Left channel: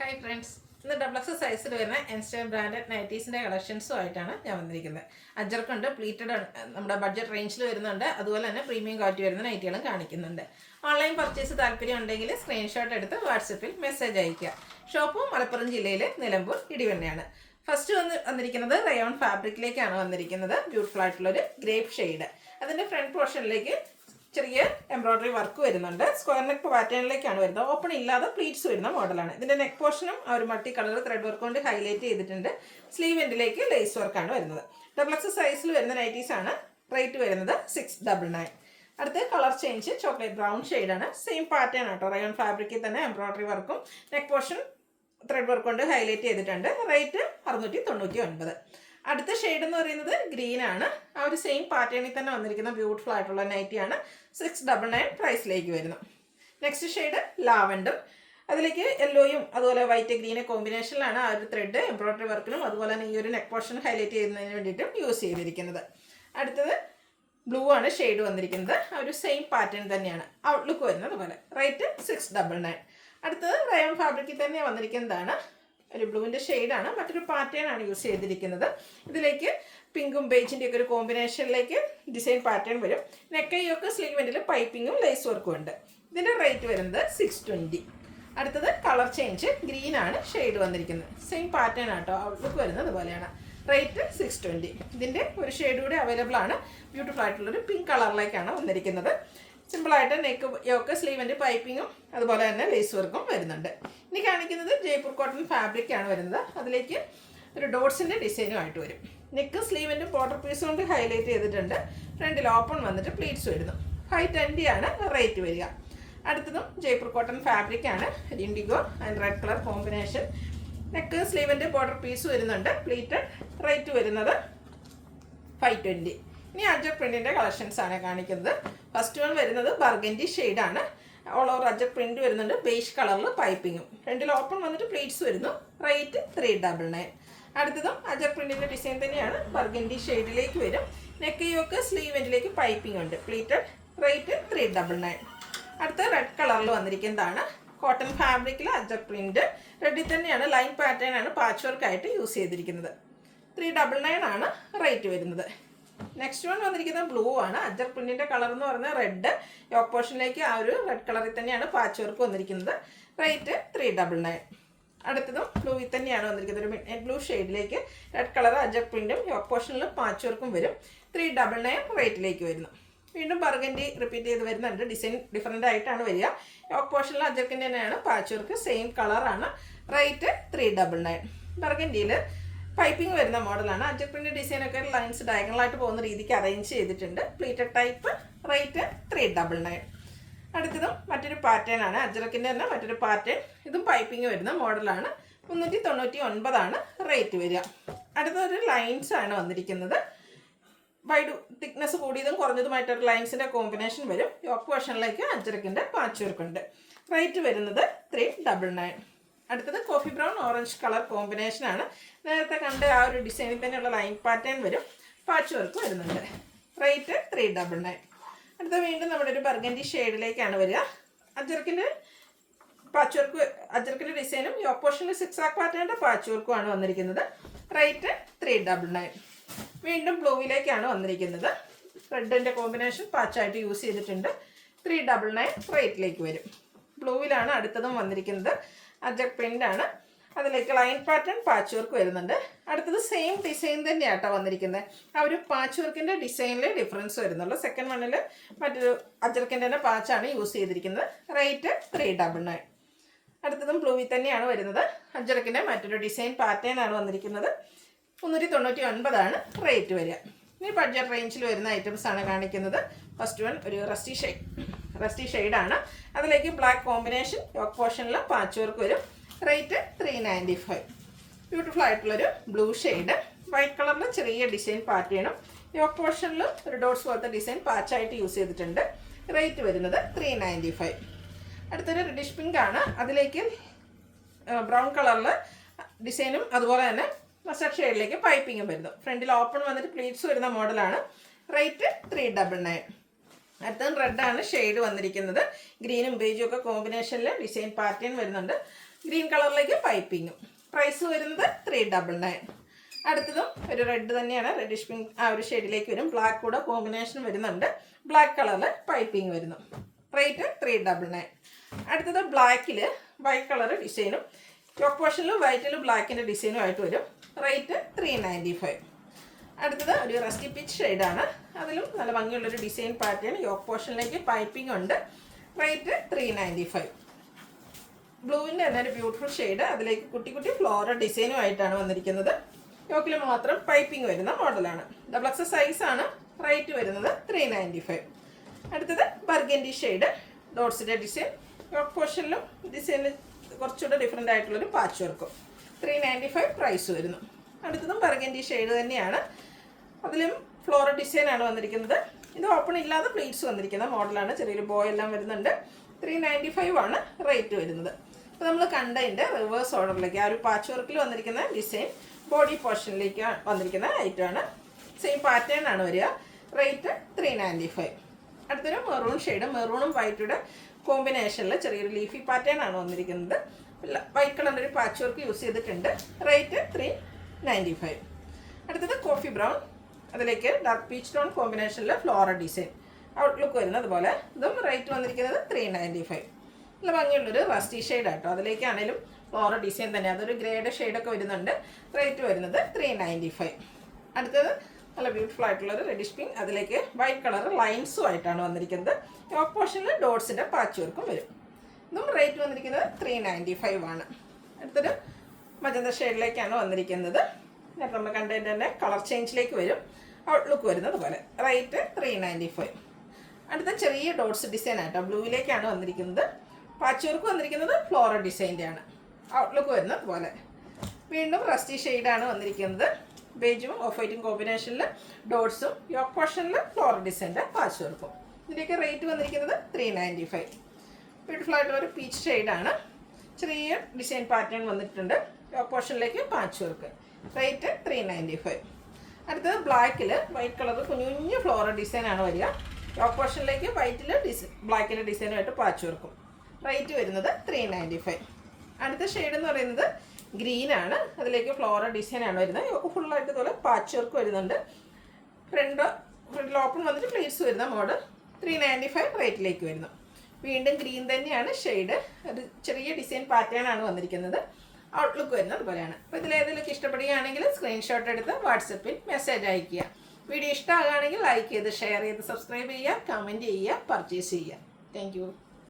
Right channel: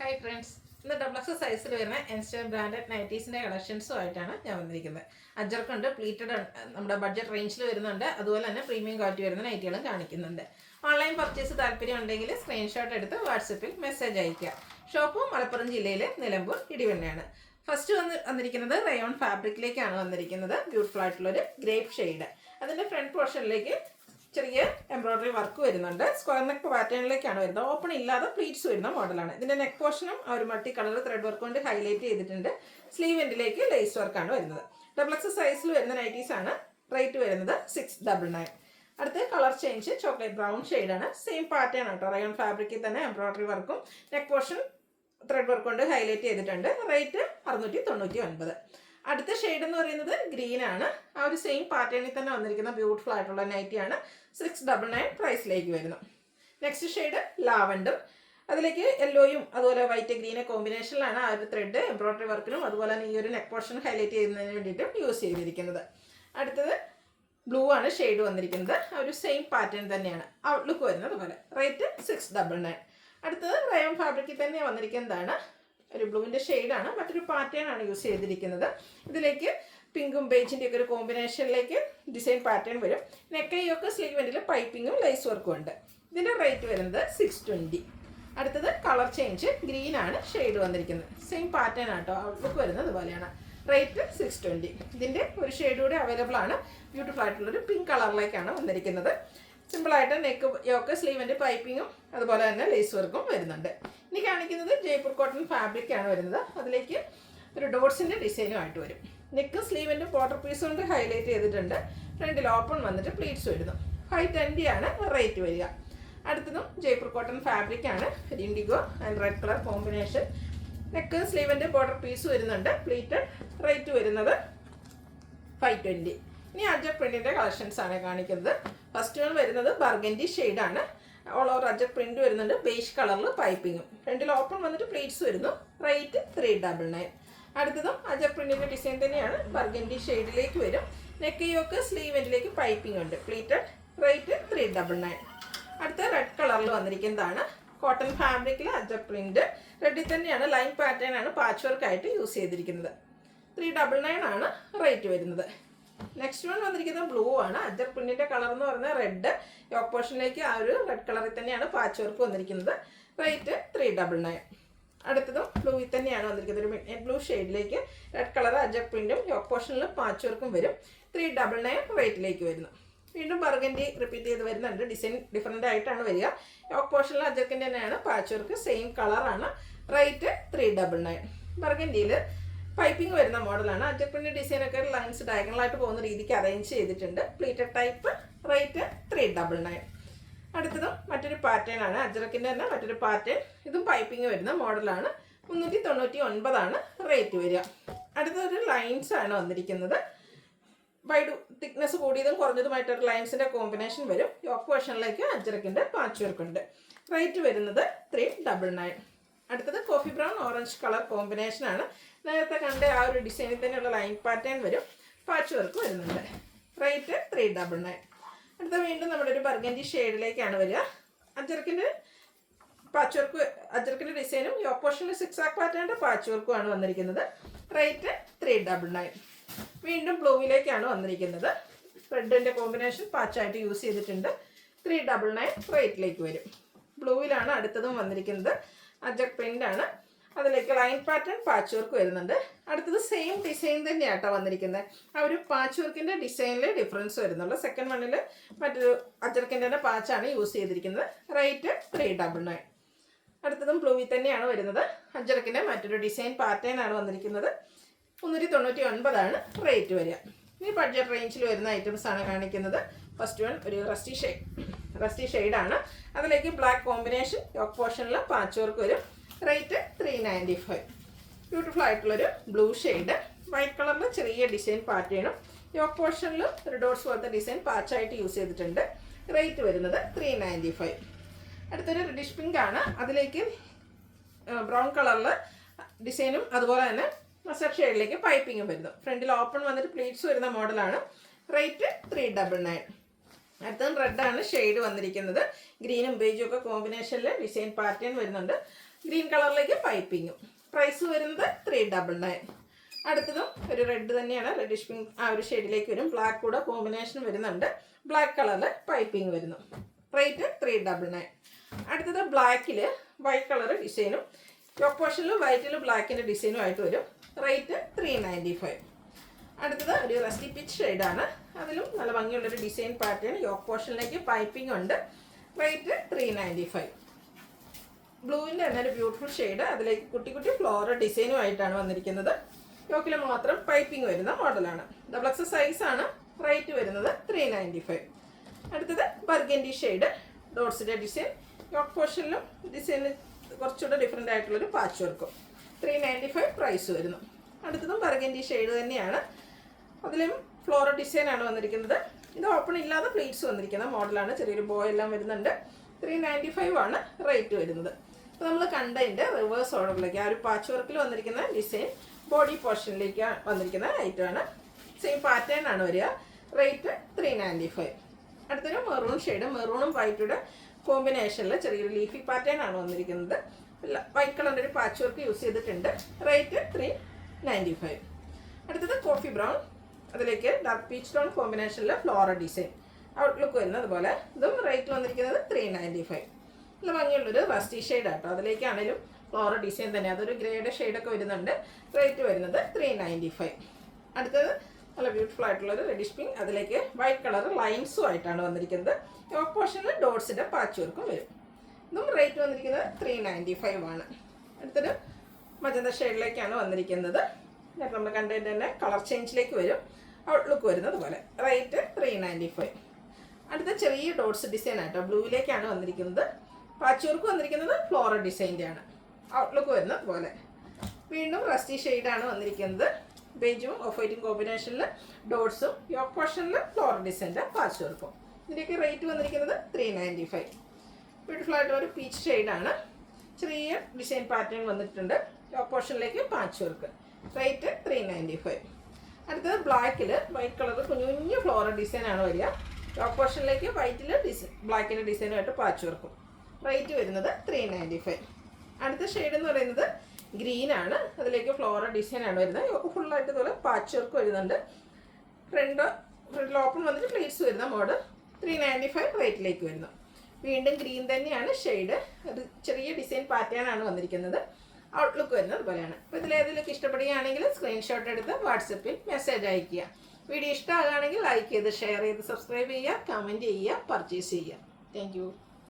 Hi friends, ഇന്ന് double X സൈസിൽ വരുന്ന എൻസ്റ്റർ ബ്രാൻഡഡ് നൈറ്റീസിൻ്റെ കളക്ഷൻസുമായിട്ടാണ് ഞാൻ വന്നിരിക്കുന്നത്. അജർക്കുണ്ട്, പ്ലീറ്റഡ് നമ്മുടെ ബഡ്ജറ്റ് റേഞ്ചിൽ വരുന്നുണ്ട്, അതുപോലെ തന്നെ പ്രീമിയം ക്വാളിറ്റി വരുന്ന നൈറ്റികളും കാണിക്കുന്നുണ്ട്. ഓൺലൈൻ പർച്ചേസ് താല്പര്യം ഉണ്ടെങ്കിൽ സ്ക്രീൻഷോട്ട് എടുത്ത് വാട്സപ്പിൽ മെസ്സേജ് അയയ്ക്കുക. ഷോപ്പ് മലപ്പുറം ജില്ലയിൽ നിലമ്പൂർ ഇടിവണ്ണയാണ്. ഫസ്റ്റ് വന്നിരിക്കുന്നത് റയോൺ ഫാബ്രിക്കിലേക്കാണ് വന്നിരിക്കുന്നത്. ബ്യൂട്ടിഫുൾ ആയിട്ടുള്ളൊരു ഗ്രേപ്പ് ഷെയ്ഡ്. അതിൻ്റെ ഫ്രണ്ട് പോർഷനിലേക്ക് ചെറിയ എംബ്രോയ്ഡറി വർക്ക് വരുന്നുണ്ട്. സ്ക്വയർ നെക്ക് പാറ്റേണിലേക്കാണ് വരുന്നത്. ഓപ്പൺ ഇല്ലാതെ പ്ലീറ്റ്സ് വരുന്ന മോഡലാണ്. ഇതിൻ്റെ നെക്ക് പോർഷനും ആ ഒരു മൾട്ടി കളർ ത്രെഡ് വർക്ക് കൊണ്ട് ഹൈലൈറ്റ് ചെയ്തിട്ടുണ്ട്. സ്ലീവ് എൻഡിലേക്ക് ലേസ് വർക്കാണ് വരുന്നത്. ഡബിൾ എക്സ് സൈസിൽ വരുന്ന നൈറ്റീസ് ആണ്. റേറ്റ് വരുന്നത് 699. അടുത്ത കളർ ചേഞ്ച് ചോക്ലേറ്റ് ബ്രൗൺ ഷെയ്ഡാണ്. സെയിം പാറ്റേൺ ആട്ടോ. റയോൺ ഫാബ്രിക്കിൽ തന്നെ എംബ്രോയ്ഡറി വർക്കും നെക്ക് പോർഷൻ ത്രെഡ് വർക്ക് കൊണ്ട് ഹൈലൈറ്റ് ചെയ്തിട്ടുണ്ട്. റേറ്റ് 699. അടുത്ത ഷെയ്ഡ് എന്ന് പറയുന്നത് ഗ്രീൻ ആണ്. ആ ഒരു സെയിം പാറ്റേണിൽ തന്നെ വന്നിരിക്കുന്ന ബ്യൂട്ടിഫുൾ ആയിട്ടുള്ള നൈറ്റിയാണ്. 699 പ്രൈസിലേക്ക് വരുന്നു. Next shade lavender. അതിലേക്ക് യെല്ലോയും അതുപോലെ വൈറ്റ് ഗ്രീനെ കോമ്പിനേഷനിലാണ് ആ ഒരു ത്രെഡ് എംബ്രോയ്ഡറി വർക്കിനും അതുപോലെ തന്നെ ഈ ഒരു നെക്ക് പോർഷൻ ഹൈലൈറ്റ് ചെയ്യുന്നതിന് വേണ്ടിയിട്ടും യൂസ് ചെയ്തിരിക്കുന്നത്. അടുത്തത് ബ്ലൂ ആണ് ഷെയ്ഡ് വന്നിരിക്കുന്നത്. ആ ഒരു സെയിം പാറ്റേൺ തന്നെയാണ് ഔട്ട്ലുക്ക് വരുന്നത് പോലെ. റേറ്റ് 699. അടുത്തത് റയോൺ ഫാബ്രിക്കിൽ തന്നെ വന്നിരിക്കുന്നതാണ്. ഒരു ബ്ലൂവിൻ്റെ ഷെയ്ഡാണ്. മറ്റൊരു പാറ്റേൺ ആണ് യൂസ് ചെയ്തിരിക്കുന്നത്. ഇതിലേക്ക് പിങ്കും ബേജിൻ്റെ ഒക്കെ ഒരു കോമ്പിനേഷനിലേക്ക് ഡിസൈൻ പാറ്റേൺ വരും. നെക്കൈയൊക്കെ സ്ലീവെൻറ്റിൽ പൈപ്പിങ്ങും ലേസ് വർക്കും ഉണ്ട്. ഇതിൻ്റെ റേറ്റ് വരുന്നത് 620. അടുത്തത് കളർ ചേഞ്ച് ഗ്രീൻ ആണ് ഷെയ്ഡ് വന്നിരിക്കുന്നത്. സെയിം പാറ്റേൺ ആട്ടോ. ഔട്ട്ലുക്ക് വരുന്നത് ഇതുപോലെയാണ്. റേറ്റ് 620. ഇതിൻ്റെ ഒരു ഷെയ്ഡ് കൂടി അവൈലബിൾ ആണ്. ബ്യൂട്ടിഫുൾ ആയിട്ടുള്ളൊരു പിങ്ക് കളറിലേക്കാണ് വന്നിരിക്കുന്നത്. സിമ്പിളായിട്ട് നെക്ക് യോക്ക് സ്ലീവിൻ്റെ പൈപ്പിങ്ങും അതുപോലെ തന്നെ ലേസ് വർക്കും വരുന്നുണ്ട്. ഇനി കാണിക്കുന്നത് ജയ്പൂർ കോട്ടൺ ഫാബ്രിക്കാണ് വരുന്നത്. അതിലേക്ക് ഒരു ഡോട്ട്സിൻ്റെ ഡിസൈനുമായിട്ട് വരും. നെക്ക് സ്ലീവിൻ്റെ ബോർഡർ പീസ് കൊണ്ട് ഹൈലൈറ്റ് ചെയ്തിട്ടുണ്ട്. ഫ്രണ്ടിൽ ഓപ്പൺ വന്നിട്ട് പ്ലീറ്റ്സ് വരുന്നു. 520 ആണ് റേറ്റ് വരിക. അടുത്തതും ജയ്പൂർ കോട്ടൺ ഫാബ്രിക്കാണ്. Indigo and red colour combination. Neck സ്ലീവിൻ്റെ ബോർഡർ പീസ് വരുന്നുണ്ട്. പ്ലീറ്റഡ്. റേറ്റ് വരുന്നത് 520. ഇനി അജക് പ്രിൻറ്റിൻ്റെ കളക്ഷൻസ് ആണ് കാണിക്കുന്നത്. ഫസ്റ്റ് വൺ വരുന്നത് ബർഗൻഡി ഷെയ്ഡാണ്. ഓൾ ഓവർ അജക് പ്രിൻറ്റ് വരുന്നുണ്ട്. ബേഷ് കളറിൽ പൈപ്പിങ്ങും. ഫ്രണ്ടിൽ ഓപ്പൺ വന്നിട്ട് പ്ലീറ്റ്സ് വരുന്നു. റേറ്റ് 399. അടുത്തതും അജക് പ്രിൻറ്റിൻ്റെ ഡിസൈൻ തന്നെയാണ്. ബർഗൻഡി ഷെയ്ഡിലേക്ക് വരും. നെക്ക് യോക്ക് സ്ലീവ് എൻഡിലേക്ക് പൈപ്പിംഗ് ഉണ്ട്. പ്ലീറ്റഡ്. റേറ്റ് 399. അടുത്ത റെഡ് കളറിൽ വന്നിരിക്കുന്നതാണ്. കോട്ടൺ ഫാബ്രിക്കിൽ അജക് പ്രിൻറ്റ്. റെഡിൽ തന്നെയാണ്. ലൈൻ പാറ്റേൺ ആണ് പാച്ച് വർക്കായിട്ട് യൂസ് ചെയ്തിരിക്കുന്നത്. 399 ആണ് റേറ്റ് വരുന്നത്. നെക്സ്റ്റ് വൺ വന്നിരിക്കുന്നത് ബ്ലൂ ആണ്. അജക് പ്രിൻറ്റിൻ്റെ കളർ എന്ന് പറഞ്ഞാൽ റെഡ്. യോക്ക് പോർഷനിലേക്ക് ആ ഒരു റെഡ് കളറിൽ തന്നെയാണ് പാച്ച് വർക്ക് വന്നിരിക്കുന്നത്. റേറ്റ് 399. അടുത്തതും ബ്ലൂവിൽ തന്നെയാണ് വന്നിരിക്കുന്നത്. ഒരു mid blue ഷെയ്ഡിലേക്ക് red colour അജക് പ്രിൻറ്റും yoke പോർഷനിൽ പാച്ച് വർക്കും വരും. 399 റേറ്റിലേക്ക് വരുന്നു. വീണ്ടും ബർഗൻഡി റിപ്പീറ്റ് ചെയ്ത് വരുന്നുണ്ട്. ഡിസൈൻ ഡിഫറെൻ്റ് ആയിട്ടാണ് വരിക. യോക്ക് പോർഷനിൽ അജക്കിൻ്റെ തന്നെയാണ് പാച്ച് വർക്ക്. സെയിം കളറാണ്. റേറ്റ് 399. ബർഗൻഡിയിൽ പൈപ്പിംഗ് വരുന്ന മോഡലാണ്. അജക്കിൻ്റെ ഡിസൈനൊക്കെ ലൈൻസ് ഡയഗണലായിട്ട് പോകുന്ന രീതിക്ക് അറേഞ്ച് ചെയ്തിട്ടുണ്ട്. Pleated type. റേറ്റ് 399. അടുത്തതും മറ്റൊരു പാറ്റേൺ ആണ്. അജറക്കിൻ്റെ തന്നെ മറ്റൊരു പാറ്റേൺ. ഇതും പൈപ്പിംഗ് വരുന്ന മോഡലാണ്. 399 ആണ് റേറ്റ് വരിക. അടുത്തൊരു ലൈൻസ് ആണ് വന്നിരിക്കുന്നത്. വൈഡ് തിക്നെസ് കൂടിയതും കുറഞ്ഞതുമായിട്ടൊരു ലൈൻസിൻ്റെ കോമ്പിനേഷൻ വരും. യോക്ക് പോർഷനിലേക്ക് അജറക്കിൻ്റെ പാച്ച് വർക്ക് ഉണ്ട്. റേറ്റ് വരുന്നത് 399. അടുത്തത് കോഫി ബ്രൗൺ ഓറഞ്ച് കളർ കോമ്പിനേഷനാണ്. നേരത്തെ കണ്ട ആ ഒരു ഡിസൈനിൽ തന്നെയുള്ള ലൈൻ പാറ്റേൺ വരും. പാച്ച് വർക്ക് വരുന്നുണ്ട്. റേറ്റ് 399. അടുത്ത വീണ്ടും നമ്മുടെ ഒരു ബർഗൻഡി ഷെയ്ഡിലേക്കാണ് വരിക. അജർക്കിൻ്റെ പാച്ച് വർക്ക് അജർക്കിൻ്റെ ഡിസൈനും യോക്ക് പോർഷനിൽ 6 ആക്ക് പാറ്റേണിൻ്റെ പാച്ച് വർക്കുമാണ് വന്നിരിക്കുന്നത്. റേറ്റ് 399. വീണ്ടും ബ്ലൂവിലേക്കാണ് വന്നിരിക്കുന്നത്. റെഡിൻ്റെ കോമ്പിനേഷൻ പാച്ചായിട്ട് യൂസ് ചെയ്തിട്ടുണ്ട്. 399 റേറ്റിലേക്ക് വരും. ബ്ലൂവിലാണ് അടുത്തതും വന്നിരിക്കുന്നത്. അജക് പ്രിൻ്റാണ്. അതിലേക്ക് ലൈൻ പാറ്റേൺ പാച്ച് വർക്ക് വരുന്നുണ്ട്. അടുത്തത് സെയിം ഡിസൈൻ തന്നെയാട്ടോ വന്നിരിക്കുന്നത്. ആ ഒരു പാച്ച് വർക്കിൻ്റെ ഡിസൈനിൽ ഡിഫറൻസ് വരുന്നുള്ളൂ. സെക്കൻഡ് വണ്ണിൽ മറ്റൊരു അജർക്കിൻ്റെ തന്നെ പാച്ചാണ് യൂസ് ചെയ്തിരിക്കുന്നത്. റേറ്റ് 399. അടുത്തതും ബ്ലൂവിൽ തന്നെയാണ് വരുന്നത്. അജർക്കിൻ്റെ മറ്റൊരു ഡിസൈൻ പാറ്റേൺ ആണ് വന്നിരിക്കുന്നത്. 399 ആണ് റേറ്റ് വരിക. ഇനി ബഡ്ജറ്റ് റേഞ്ചിൽ വരുന്ന ഐറ്റംസ് ആണ് കാണിക്കുന്നത്. ഫസ്റ്റ് വൺ ഒരു റസ്റ്റി ഷെയ്ഡാണ്. അതിലേക്ക് ബ്ലാക്ക് കോമ്പിനേഷൻ. യോക്ക് പോർഷനിൽ പാച്ച് വർക്ക് വരും. റേറ്റ് 395. ബ്യൂട്ടിഫുൾ ആയിട്ടുള്ളൊരു ബ്ലൂ ഷെയ്ഡ്. വൈറ്റ് കളറിൽ ചെറിയ ഡിസൈൻ പാറ്റേണും യോക്ക് പോർഷനിൽ ഒരു ഡോട്ട്സ് പോലത്തെ ഡിസൈൻ പാച്ചായിട്ട് യൂസ് ചെയ്തിട്ടുണ്ട്. റേറ്റ് വരുന്നത് 395. അടുത്തൊരു റെഡിഷ് പിങ്ക് ആണ്. അതിലേക്ക് ബ്രൗൺ കളറിൽ ഡിസൈനും അതുപോലെ തന്നെ മസ്റ്റർഡ് ഷെയ്ഡിലേക്ക് പൈപ്പിങ്ങും വരുന്നു. ഫ്രണ്ടിൽ ഓപ്പൺ വന്നിട്ട് പ്ലീറ്റ്സ് വരുന്ന മോഡലാണ്. റേറ്റ് 399. അടുത്തത് റെഡാണ് ഷെയ്ഡ് വന്നിരിക്കുന്നത്. ഗ്രീനും ബേജും ഒക്കെ കോമ്പിനേഷനിൽ ഡിസൈൻ പാറ്റേൺ വരുന്നുണ്ട്. ഗ്രീൻ കളറിലേക്ക് പൈപ്പിങ്ങും. പ്രൈസ് വരുന്നത് 399. അടുത്തതും ഒരു റെഡ് തന്നെയാണ്, റെഡിഷ് പിങ്ക് ആ ഒരു ഷെയ്ഡിലേക്ക് വരും. ബ്ലാക്ക് കൂടെ കോമ്പിനേഷൻ വരുന്നുണ്ട്. ബ്ലാക്ക് കളറിൽ പൈപ്പിംഗ് വരുന്നു. റേറ്റ് 399. അടുത്തത് ബ്ലാക്കിൽ വൈറ്റ് കളർ ഡിസൈനും യോക്ക് പോർഷനിൽ വൈറ്റിലും ബ്ലാക്കിൻ്റെ ഡിസൈനും ആയിട്ട് വരും. റേറ്റ് 395. അടുത്തത് ഒരു റസ്റ്റി പിച്ച് ഷെയ്ഡാണ്. അതിലും നല്ല ഭംഗിയുള്ളൊരു ഡിസൈൻ പാറ്റേൺ. യോക്ക് പോർഷനിലേക്ക് പൈപ്പിംഗ് ഉണ്ട്. റേറ്റ് 395. ബ്ലൂവിൻ്റെ തന്നെ ഒരു ബ്യൂട്ടിഫുൾ ഷെയ്ഡ്. അതിലേക്ക് കുട്ടി കുട്ടി ഫ്ലോറൽ ഡിസൈനും ആയിട്ടാണ് വന്നിരിക്കുന്നത്. യോക്കിൽ മാത്രം പൈപ്പിംഗ് വരുന്ന മോഡലാണ്. XXL സൈസാണ്. റേറ്റ് വരുന്നത് 395. അടുത്തത് ബർഗൻഡി ഷെയ്ഡ്, ഡോട്ട്സിൻ്റെ ഡിസൈൻ. യോക്ക് പോർഷനിലും ഡിസൈന് കുറച്ചുകൂടെ ഡിഫറെൻ്റ് ആയിട്ടുള്ളൊരു പാച്ച് വർക്കും. 395 പ്രൈസ് വരുന്നു. അടുത്തതും ബർഗൻഡി ഷെയ്ഡ് തന്നെയാണ്. അതിലും ഫ്ലോറൽ ഡിസൈനാണ് വന്നിരിക്കുന്നത്. ഇത് ഓപ്പൺ ഇല്ലാതെ പ്ലീറ്റ്സ് വന്നിരിക്കുന്ന മോഡലാണ്. ചെറിയൊരു ബോയ് എല്ലാം വരുന്നുണ്ട്. 395 ആണ് റേറ്റ് വരുന്നത്. അപ്പോൾ നമ്മൾ കണ്ടതിൻ്റെ റിവേഴ്സ് ഓർഡറിലേക്ക് ആ ഒരു പാച്ച് വർക്കിൽ വന്നിരിക്കുന്ന ഡിസൈൻ ബോഡി പോർഷനിലേക്ക് വന്നിരിക്കുന്ന ഐറ്റമാണ്. സെയിം പാറ്റേൺ ആണ് വരിക. റേറ്റ് 395. അടുത്തൊരു മെറൂൺ ഷെയ്ഡ്, മെറൂണും വൈറ്റുടെ കോമ്പിനേഷനിൽ ചെറിയൊരു ലീഫി പാറ്റേൺ ആണ് വന്നിരിക്കുന്നത്. വൈറ്റ് കളറിൻ്റെ ഒരു പാച്ച് വർക്ക് യൂസ് ചെയ്തിട്ടുണ്ട്. റേറ്റ് 395. അടുത്തത് കോഫി ബ്രൗൺ, അതിലേക്ക് ഡാർക്ക് പീച്ച് ടോൺ കോമ്പിനേഷനിൽ ഫ്ലോറൽ ഡിസൈൻ ഔട്ട്ലുക്ക് വരുന്നത് പോലെ. ഇതും റേറ്റ് വന്നിരിക്കുന്നത് 395. നല്ല ഭംഗിയുള്ളൊരു റസ്റ്റി ഷെയ്ഡ് ആട്ടോ. അതിലേക്കാണെങ്കിലും ഫ്ലോറൽ ഡിസൈൻ തന്നെ, അതൊരു ഗ്രേഡ് ഷെയ്ഡൊക്കെ വരുന്നുണ്ട്. റേറ്റ് വരുന്നത് 395. അടുത്തത് നല്ല ബ്യൂട്ടിഫുൾ ആയിട്ടുള്ളൊരു റെഡിഷ് പിങ്ക്, അതിലേക്ക് വൈറ്റ് കളർ ലൈൻസും ആയിട്ടാണ് വന്നിരിക്കുന്നത്. യോക്ക് പോർഷനിൽ ഡോട്ട്സിൻ്റെ പാച്ച് വർക്കും വരും. ഇതും റേറ്റ് വന്നിരിക്കുന്നത് 395 ആണ്. അടുത്തൊരു മജന്ത ഷെയ്ഡിലേക്കാണ് വന്നിരിക്കുന്നത്. നേരത്തെ നമ്മൾ കണ്ടതിൻ്റെ തന്നെ കളർ ചേഞ്ചിലേക്ക് വരും. ഔട്ട്ലുക്ക് വരുന്നത് പോലെ. റേറ്റ് 395. അടുത്ത ചെറിയ ഡോട്ട്സ് ഡിസൈൻ ആയിട്ടോ. ബ്ലൂവിലേക്കാണ് വന്നിരിക്കുന്നത്. പാച്ച് വർക്ക് വന്നിരിക്കുന്നത് ഫ്ലോറൽ ഡിസൈൻ്റെ ആണ്. ഔട്ട്ലുക്ക് വരുന്നത് പോലെ. വീണ്ടും റസ്റ്റി ഷെയ്ഡാണ് വന്നിരിക്കുന്നത്. ബേജും ഓഫ് വൈറ്റും കോമ്പിനേഷനിൽ ഡോട്ട്സും യോക്ക് പോർഷനിൽ ഫ്ലോറൽ ഡിസൈൻ്റെ പാച്ച് വർക്കും. ഇതിൻ്റെയൊക്കെ റേറ്റ് വന്നിരിക്കുന്നത് 395. ബ്യൂട്ടിഫുൾ ആയിട്ടുള്ളൊരു പീച്ച് ഷെയ്ഡാണ്. ചെറിയ ഡിസൈൻ പാറ്റേൺ വന്നിട്ടുണ്ട്. യോക്ക് പോർഷനിലേക്ക് പാച്ച് വർക്ക്. റേറ്റ് 395. അടുത്തത് ബ്ലാക്കിൽ വൈറ്റ് കളർ കുഞ്ഞു കുഞ്ഞു ഫ്ലോറൽ ഡിസൈനാണ് വരിക. യോക്ക് പോർഷനിലേക്ക് വൈറ്റിൽ ബ്ലാക്കിൻ്റെ ഡിസൈനുമായിട്ട് പാച്ച് വർക്കും. റേറ്റ് വരുന്നത് 395. അടുത്ത ഷെയ്ഡ് എന്ന് പറയുന്നത് ഗ്രീനാണ്. അതിലേക്ക് ഫ്ലോറൽ ഡിസൈനാണ് വരുന്നത്. യോക്ക് ഫുള്ളായിട്ട് ഇതുപോലെ പാച്ച് വർക്ക് വരുന്നുണ്ട്. ഫ്രണ്ടിൽ ഓപ്പൺ വന്നിട്ട് പ്ലീറ്റ്സ് വരുന്ന മോഡ്. 395 റേറ്റിലേക്ക് വരുന്നു. വീണ്ടും ഗ്രീൻ തന്നെയാണ് ഷെയ്ഡ്. അത് ചെറിയ ഡിസൈൻ പാറ്റേൺ ആണ് വന്നിരിക്കുന്നത്. ഔട്ട്ലുക്ക് വരുന്നത് പോലെയാണ്. അപ്പോൾ ഇതിലേതിലൊക്കെ ഇഷ്ടപ്പെടുകയാണെങ്കിൽ സ്ക്രീൻഷോട്ട് എടുത്ത് വാട്സപ്പിൽ മെസ്സേജ് അയയ്ക്കുക. വീഡിയോ ഇഷ്ടമാകുകയാണെങ്കിൽ ലൈക്ക് ചെയ്ത് ഷെയർ ചെയ്ത് സബ്സ്ക്രൈബ് ചെയ്യുക, കമൻറ്റ് ചെയ്യുക, പർച്ചേസ് ചെയ്യുക. താങ്ക്